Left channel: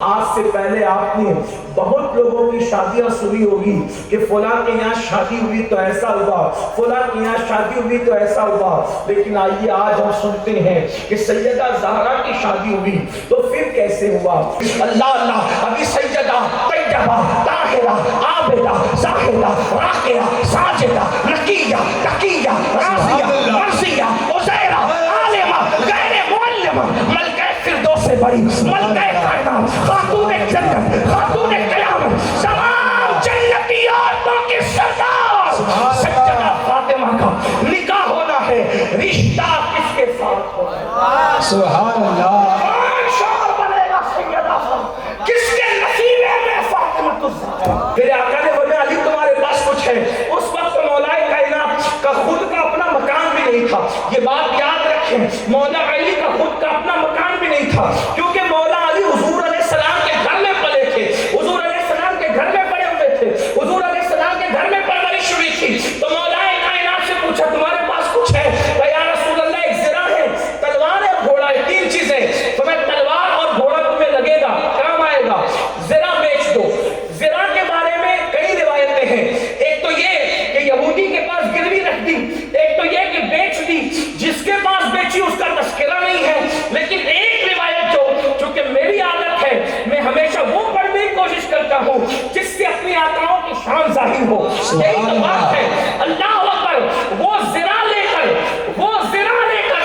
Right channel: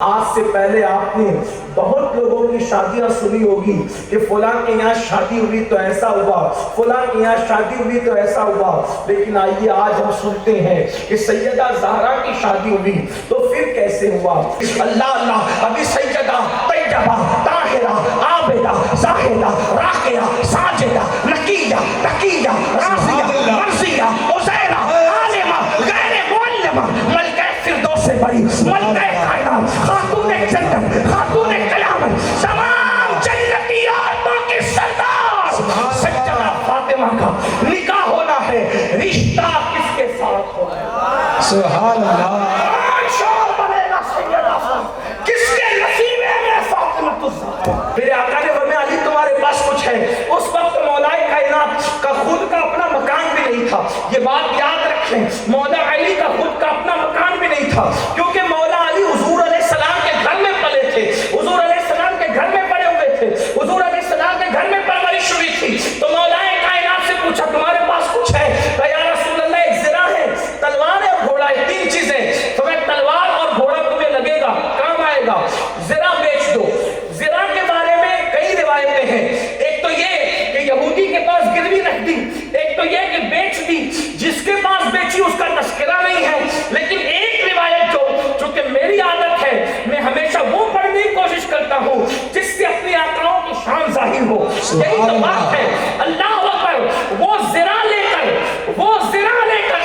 آج سے پہلے آپ نے بہت لوگوں کی شادیاں سنی ہوگی کہ فلاں کے یہاں شادی ہوئی تو ایسا ہوا، فلاں کے یہاں شادی ہوئی تو ایسا ہوا، لیکن آئیے آج ہم سنتے ہیں کہ سیدہ زہرا کی شادی ہوئی تو پھر کیسے ہوا۔ اللہ اللہ، ابھی سیدہ طیبہ طاہرہ عابدہ زاہدہ راقیہ ساجدہ نقیہ تقیہ راضیہ مرضیہ عزیرہ عالمہ غیر معلمہ ملکہ فردوس سے بڑی ملکہ کائنات خاتون جنت خاتون قیامت تمام جنتی عورتوں کی سردار سیدہ فاطمہ کا نکاح ہونا ہے۔ رشتہ کس کے ساتھ ہوگا؟ سبحان اللہ۔ کون شوہر بنے گا سیدہ کس کے نصیبے میں فاطمہ الزہرا؟ میرے آقا نے فرمایا علی تمہارے پاس کچھ ہے۔ اس وقت مولا کائنات کا خود کا اپنا مکان بھی نہیں تھا۔ یہ بات یاد رکھیں، مولا علی کا خود کا اپنا مکان بھی نہیں تھا، کیونکہ مولا علی حضور علیہ السلام کے گھر میں پلے تھے، حضور علیہ السلام کے گھر میں پڑے ہوئے تھے، حضور علیہ السلام کے گھر میں پرورش ہوئی تھی۔ تو مولا کائنات سے پوچھا تمہارے پاس کچھ ہے؟ تو یا رسول اللہ ایک زرہ ہے، تلوار ہے اور گھوڑا ہے، تین چیزیں۔ تمہیں تلوار اور گھوڑا تمہیں لگے گا، کام آئے گا، زرہ بیچ دو۔ زرہ کے بارے میں کئی روایتیں ہیں، ایک تو یہ کہ یہودی کے پاس گروی رکھ دی، ایک تو یہ کہ بیچ دی، جس کے پاس بیچی اس کا تذکرہ نہیں ہے، لیکن ایک روایت جو چونکہ میری عادت ہے میں ہمیشہ وہ پڑھنے کی کوشش کرتا ہوں جس سے اپنی آقاؤں کی شان ظاہر ہو، یہی تو بات ہے۔ اللہ اکبر، وہ زرہ لے کر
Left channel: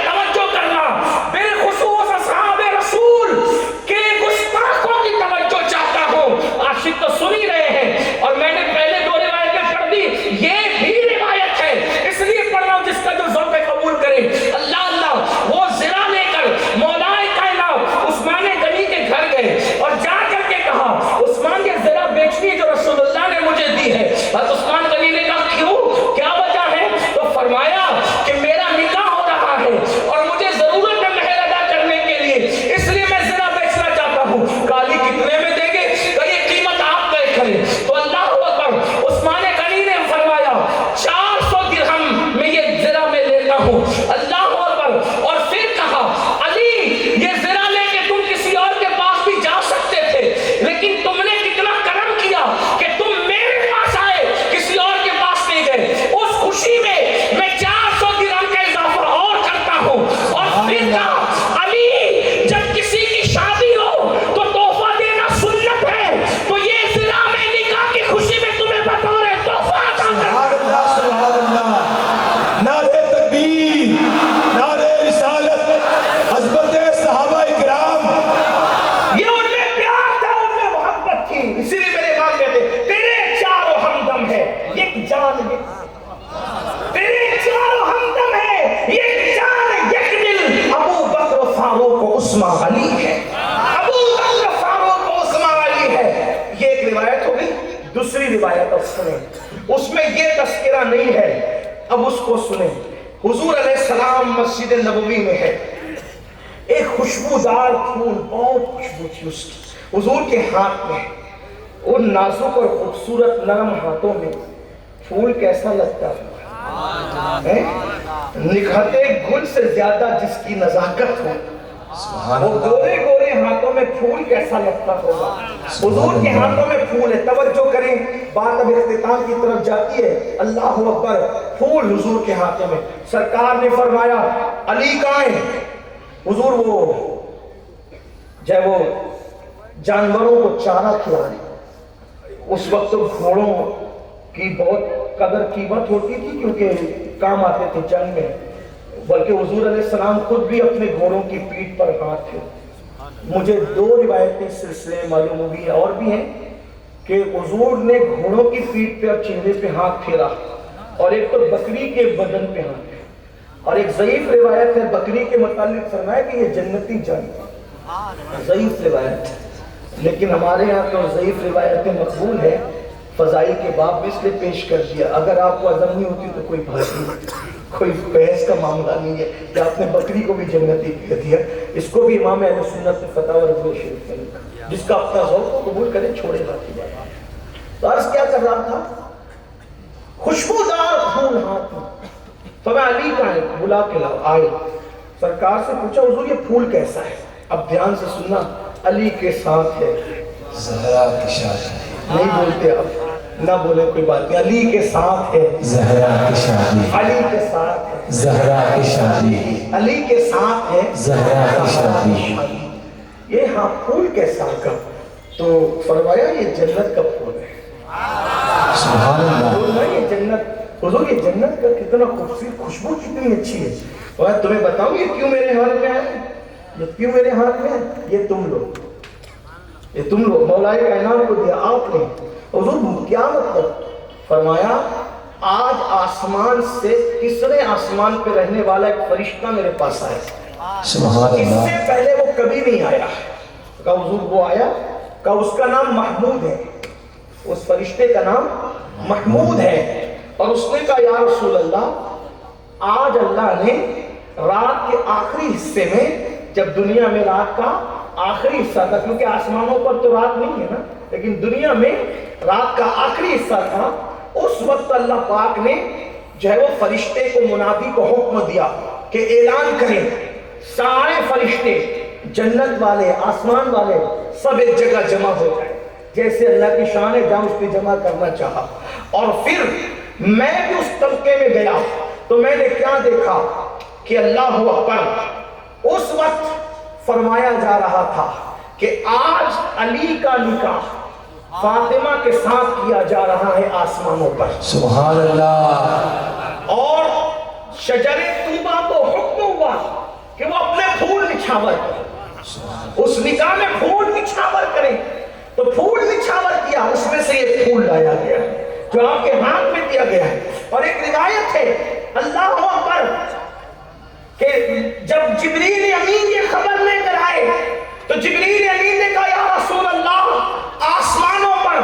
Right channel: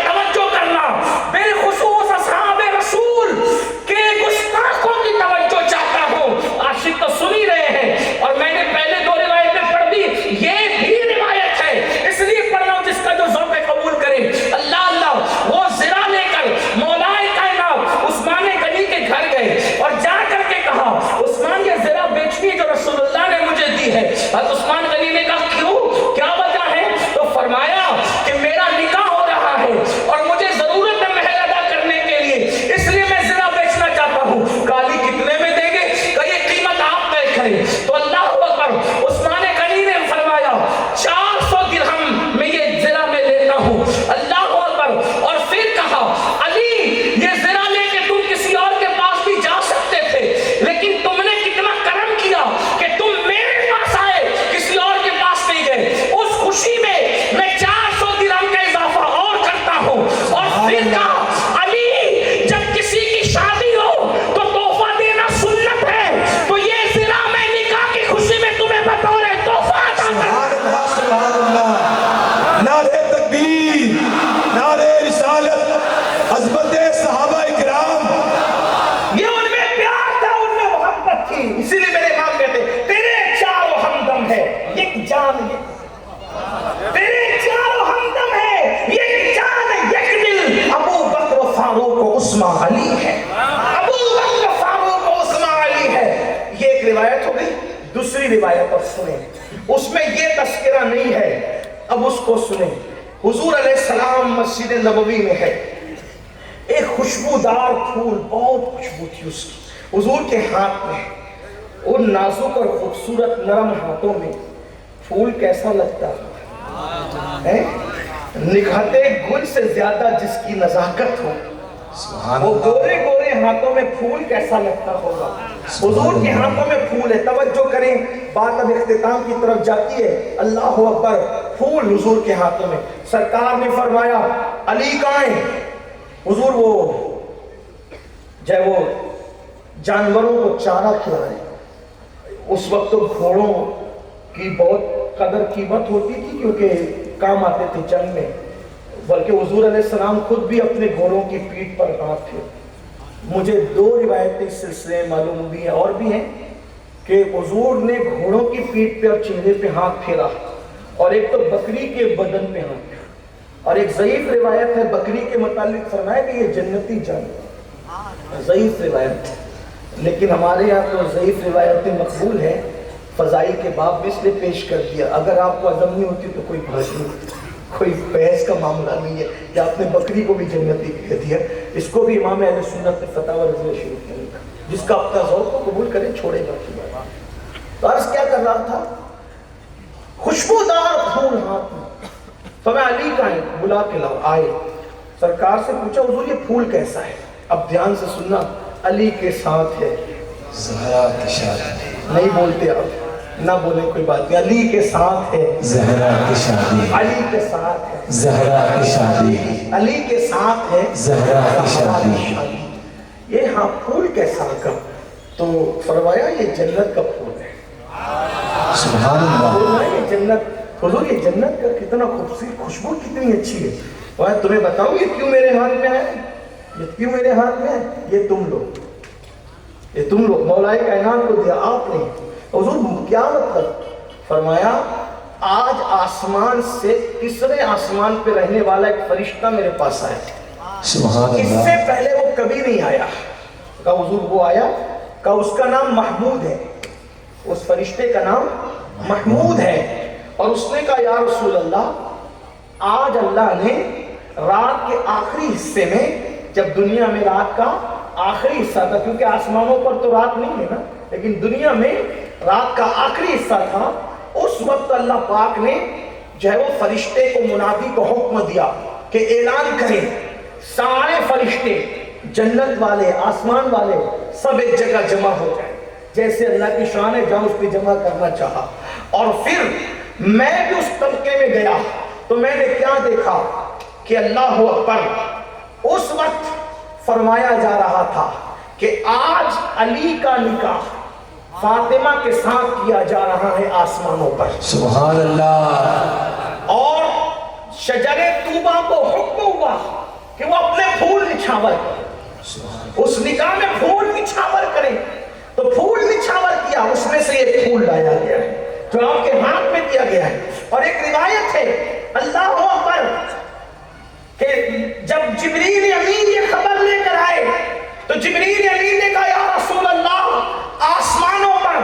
توجہ کرنا، بالخصوص اصحاب رسول کے گستاخوں کی توجہ چاہتا ہوں۔ عاشق تو سن ہی رہے ہیں اور میں نے پہلے دو روایتیں پڑھ دی، یہ بھی روایت ہے اس لیے پڑھ رہا ہوں جس کا جو ذوق قبول کرے۔ اللہ اللہ، وہ زرہ لے کر مولا کائنات عثمان غنی کے گھر گئے اور جا کر کے کہا عثمان یہ زرہ بیچنی ہے جو رسول اللہ نے مجھے دی ہے۔ عثمان غنی نے کہا کیوں، کیا وجہ ہے؟ تو فرمایا کہ میرا نکاح ہو رہا ہے اور مجھے ضرورت ہے مہر ادا کرنے کے لیے، اس لیے میں زرہ بیچنا چاہتا ہوں۔ کالی کتنے میں دیں گے؟ کہ یہ قیمت آپ طے کریں۔ تو اللہ اکبر، عثمان غنی نے فرمایا 400 درہم میں یہ زرہ میں لیتا ہوں۔ اللہ اکبر، اور پھر کہا علی یہ زرہ لے کے تم کسی اور کے پاس بھی جا سکتے تھے، لیکن تم نے کتنا کرم کیا کہ تم میرے پاس آئے، کسی اور کے پاس نہیں گئے۔ اس خوشی میں 400 درہم کا اضافہ اور کرتا ہوں۔ اور پھر کہا علی جب کسی کی شادی ہو تو تحفہ دینا سنت ہے، تو یہ زرہ میں نکاح کی خوشی میں تمہیں بطور تحفہ عطا سبحان اللہ، سبحان اللہ۔ نعرہ تکبیر، نعرہ رسالت، عظمت صحابہ کرام۔ یہ ان میں پیار تھا، ان میں محبت تھی، اسی لیے میرے امام کہتے تیرے چاروں ہمدم ہے ایک جان تیرے چاروں ہمدم ہے ایک جان ایک دل، ابو بکر و فاروق و عثمان علی ہے، ابو بکر و فاروق و عثمان علی ہے۔ یہ ایک روایت ہو گئی۔ دوسری روایت اب سنیں، اس میں یہ تذکرہ نہیں ہے، اب اس کو سنیں۔ حضور علیہ السلام مسجد نبوی میں ہے، ایک خوشبودار پھول، بہت خوشبو تھی اس کی، حضور کے ہاتھ میں، ان نازک اور خوبصورت نرم ہاتھوں میں پھول کیسا لگتا ہے؟ نکھرتے گل سے زیادہ جس کی نزاکت ہو، وہ گورے گورے ہاتھوں میں پھول کیسا لگتا ہوگا۔ حضور کے ہاتھوں میں پھول ہے، توجہ کریں، بات اب اختتام کی طرف جاتی ہے۔ اللہ اکبر، پھول حضور کے ہاتھوں میں۔ سرکار نے فرمایا علی کہاں ہے؟ حضور وہ جب وہ جانوروں کو چارہ کھلائے، اس وقت تو گھوڑوں کی بہت قدر قیمت ہوتی تھی کیونکہ کام آتے تھے جنگ میں، بلکہ حضور علیہ السلام خود بھی اپنے گھوڑوں کی پیٹھ پر ہاتھ تھے۔ مجھے دو روایتیں اس سلسلے معلوم ہوئی ہیں اور بھی ہیں کہ حضور نے گھوڑوں کی پیٹھ پہ اور چہرے پہ ہاتھ پھیرا، اور ایک تو بکری کے بدن پہ ہاتھ پھیرا، اور ایک ضعیف روایت ہے بکری کے متعلق فرمایا کہ یہ جنتی جانور، ضعیف روایت ہے، لیکن ہمارے یہاں تو ضعیف روایتیں مقبول ہیں، فضائل کے باب بھی اس نے پیش کر دیا۔ اگر آپ کو عزم نہیں ہوتی تو کوئی بات نہیں، کوئی بحث کا معاملہ نہیں ہے کہ آپ نے بکری کو بھی جنتی کہہ دیا۔ اس کو بھی امام اہل سنت نے فتاوی رضویہ شریف میں لکھا، جس کا اپنا ذوق کو قبول کرے، چھوڑے باقی بات۔ تو عرض کیا کر رہا تھا؟ خوشبودار پھول ہاتھ میں، تو میں علی کا بلا کے آئے، سرکار سے پوچھا حضور یہ پھول کیسا ہے؟ اب دھیان سے سننا، علی کے ساتھ ہے. زہرا کی شادی. نہیں بولتے آپ, نہ بولے کوئی بات نہیں. علی کے ساتھ ہے, زہرا کی شادی. علی کے ساتھ ہے, زہرا کی شادی. علی کے ساتھ ہے, زہرا کی شادی. یہ ہاں پھول کیسا کا؟ تو فرمایا یہ جنت کا پھول ہے. سبحان اللہ. پھول نہیں, یہ جنت. حضور یہ جنت کا کتنا خوبصورت, خوشبو کتنی اچھی ہے. اور تمہیں بتاؤں یہ کیوں میرے ہاتھ میں ہے, یہ کیوں میرے ہاتھ میں ہے؟ یہ تم لوگ, یہ تم لوگ مولا کائنات کو دیا آپ نے. حضور کیا مطلب؟ فرمایا آج آسمان سے تیسرے آسمان پہ رہنے والا ایک فرشتہ میرے پاس آیا. سبحان اس سے اللہ. پہلے وہ کبھی نہیں آیا. کہا حضور وہ آیا, کہا اس کا نام محمود ہے, اس فرشتے کا نام محمود ہے. اور اس نے کہا یا رسول اللہ آج اللہ نے رات کے آخری حصے میں, جب دنیا میں رات کا آخری حصہ تھا, کیونکہ آسمانوں پر تو رات نہیں ہے نا, لیکن دنیا میں رات کا آخری حصہ تھا, اس وقت اللہ پاک نے جو ہے وہ فرشتے کو منادی کو حکم دیا کہ اعلان کریں سارے فرشتے جنت والے آسمان والے سب ایک جگہ جمع ہو جائیں. جیسے اللہ کی شان ہے جہاں اس کی جمع کرنا چاہا. اور پھر میں بھی اس طبقے میں گیا تو میں نے کیا دیکھا کہ اللہ اکبر, اس وقت فرمایا جا رہا تھا کہ آج علی کا نکاح فاطمہ کے ساتھ کیا جا رہا ہے آسمانوں پر. سبحان اللہ. اور شجر طوبہ کو حکم ہوا کہ وہ اپنے پھول نچھاور کریں, اس نکاح میں پھول نچھاور کریں. تو پھول نچھاور کیا, اس میں سے ایک پھول لایا گیا جو آپ کے ہاتھ میں دیا گیا ہے. اور ایک روایت ہے اللہ اکبر کہ جب جبریل امین یہ خبر لے کر آئے تو جبریل امین نے کہا یا رسول اللہ آسمانوں پر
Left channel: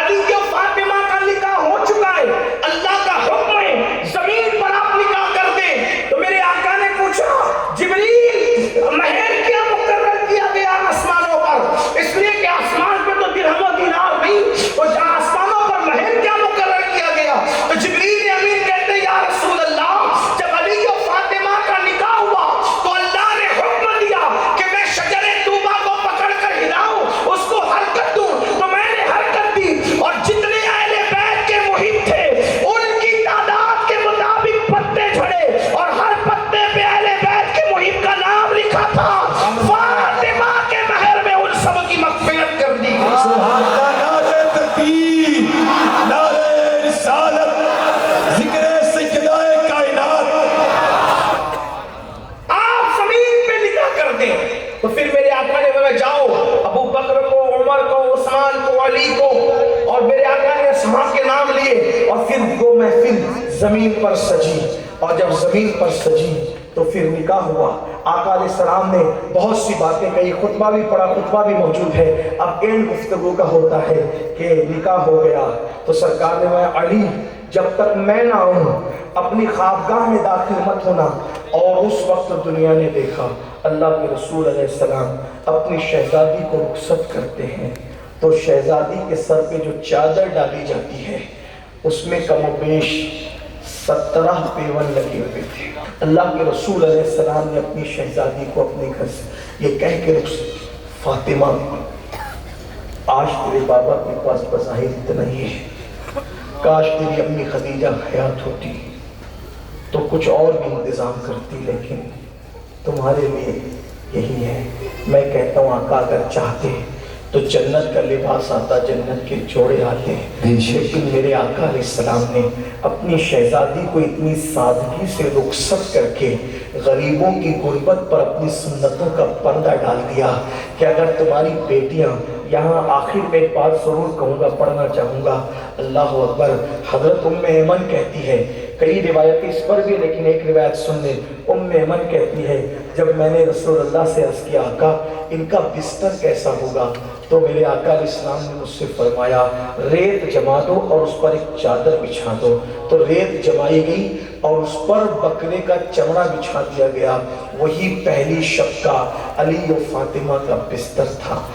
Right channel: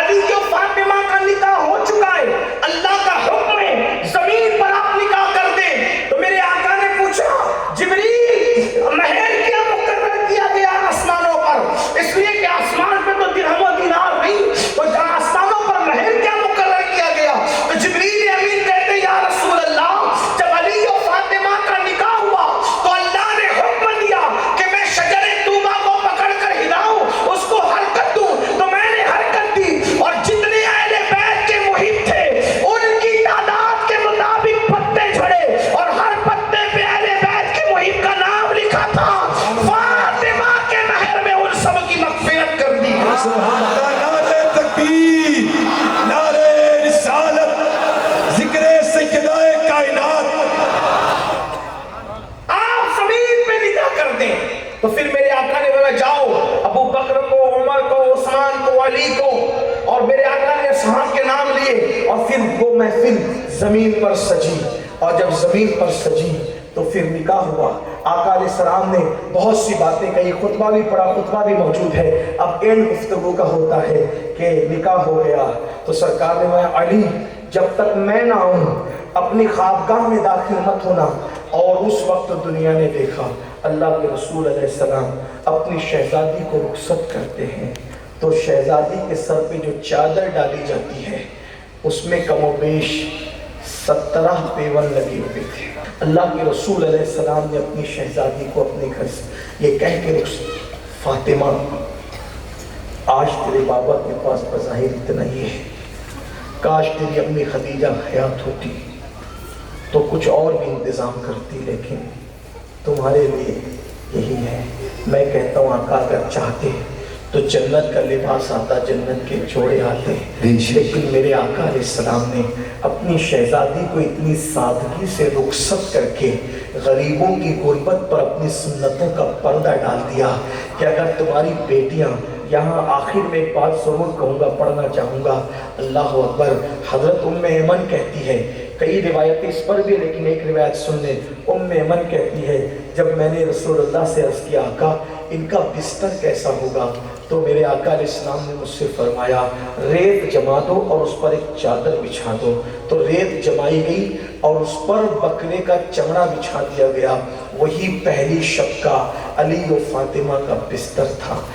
علی و فاطمہ کا نکاح ہو چکا ہے, اللہ کا حکم ہے زمین پر آپ نکاح کر دیں. تو میرے آقا نے پوچھا جبریل مہر کیا مقرر کیا گیا آسمانوں پر؟ اس لیے کہ آسمان پہ تو درہم و دینار نہیں, وہ آسمانوں پر مہر کیا مقرر کیا گیا؟ تو جبریل امین کہتے یا رسول اللہ جب علی و فاطمہ کا نکاح ہوا تو اللہ نے حکم دیا کہ میں شجر طوبہ کو پکڑ کر ہلاؤں, اس کو حرکت دوں. تو میں نے حرکت دی اور جتنے اہل بیت کے محیط تھے ان کی تعداد کے مطابق پتے جھڑے اور ہر پتے پہ اہل بیت کے محیط کا نام لکھا تھا. فاطمہ کے مہر میں ان سب کی مغفرت کر دی. سبحان اللہ. نعرہ تکبیر, نعرہ رسالت, ذکر سیدہ کائنات. آپ زمین پہ نکاح کر دیں. تو پھر میرے آقا نے فرمایا جاؤ ابو بکر کو, عمر کو, عثمان کو, علی کو, اور میرے آقا نے اصحاب کے نام لیے. اور پھر وہ محفل زمین پر سجی, اور جب زمین پر سجی تو پھر نکاح ہوا. آقا علیہ السلام نے بہت سی باتیں کہی, خطبہ بھی پڑھا, خطبہ بھی موجود ہے. اب اینڈ گفتگو کا ہوتا ہے کہ نکاح ہو گیا تو سرکار نے فرمایا علی جب تک میں نہ آؤں اپنی خوابگاہ میں داخل مت ہونا. اور اس وقت دنیا نے دیکھا اللہ کے رسول علیہ السلام اپنی شہزادی کو رخصت کرتے ہیں تو شہزادی کے سر پہ جو چادر ڈالی جاتی ہے اس میں کم و بیش 17 پیون لگے ہوئے تھے. اللہ کے رسول علیہ السلام نے اپنی شہزادی کو اپنے گھر سے یہ کہہ کے فاطمہ آج تیرے بابا کے پاس بظاہر اتنا ہی ہے, کاش تیری اپنی خدیجہ حیات ہوتی تو کچھ اور بھی انتظام کرتی, لیکن تمہارے لیے یہی ہے. میں کہتا ہوں آقا اگر چاہتے تو جنت کا لباس آتا, جنت کے جوڑے آتے, لیکن میرے آقا علیہ السلام نے اپنی شہزادی کو اتنی سادگی سے رخصت کر کے غریبوں کی غربت پر اپنی سنتوں کا پردہ ڈال دیا کہ اگر تمہاری بیٹیاں یہاں آخر میں ایک بات ضرور کہوں گا, پڑھنا چاہوں گا. اللہ اکبر. حضرت ام ایمن کہتی ہے, کئی روایتیں اس پر بھی لیکن ایک روایت سن لیں. ام ایمن کہتی ہے جب میں نے رسول اللہ سے عرض کیا آقا ان کا بستر کیسا ہوگا تو میرے آقا علیہ السلام نے مجھ سے فرمایا ریت جما دو اور اس پر ایک چادر بچھا دو. تو ریت جمائی گئی اور اس پر بکرے کا چمڑا بچھا دیا گیا. وہی پہلی شب کا علی و فاطمہ کا بستر تھا.